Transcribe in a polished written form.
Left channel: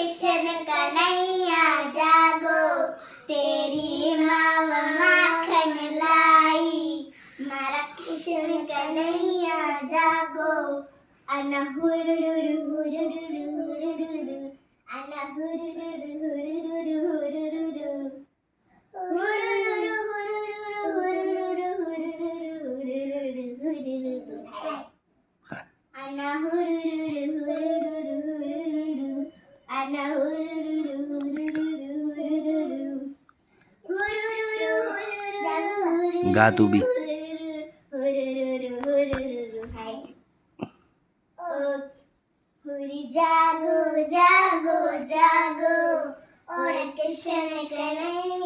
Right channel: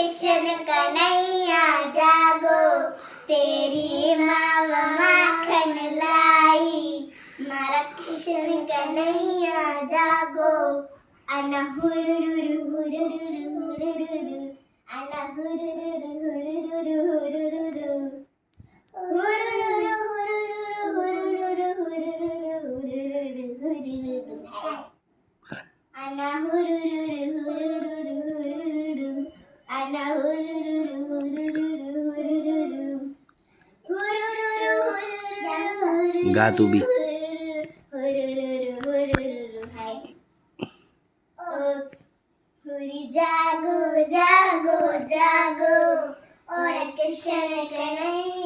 किशन कन्हैया जागो, तेरी माँ माखन लाई, मारा किशन कन्हैया जागो। अना हुरुरुरु हुरुरुरु हुरुरुरु, अना हुरुरुरु हुरुरुरु हुरुरुरु, हुरुरुरु हुरुरुरु हुरुरुरु हुरुरुरु हुरुरुरु हुरुरुरु, अना हुरुरुरु हुरुरुरु हुरुरुरु, अना हुरुरुरु हुरुरुरु हुरुरुरु, हुरुरुरु हुरुरुरु गा तू भी। हुरुरुरु हुरुरुरु हाय। हुरी जागो जागो जागो, और किशन कन्हैया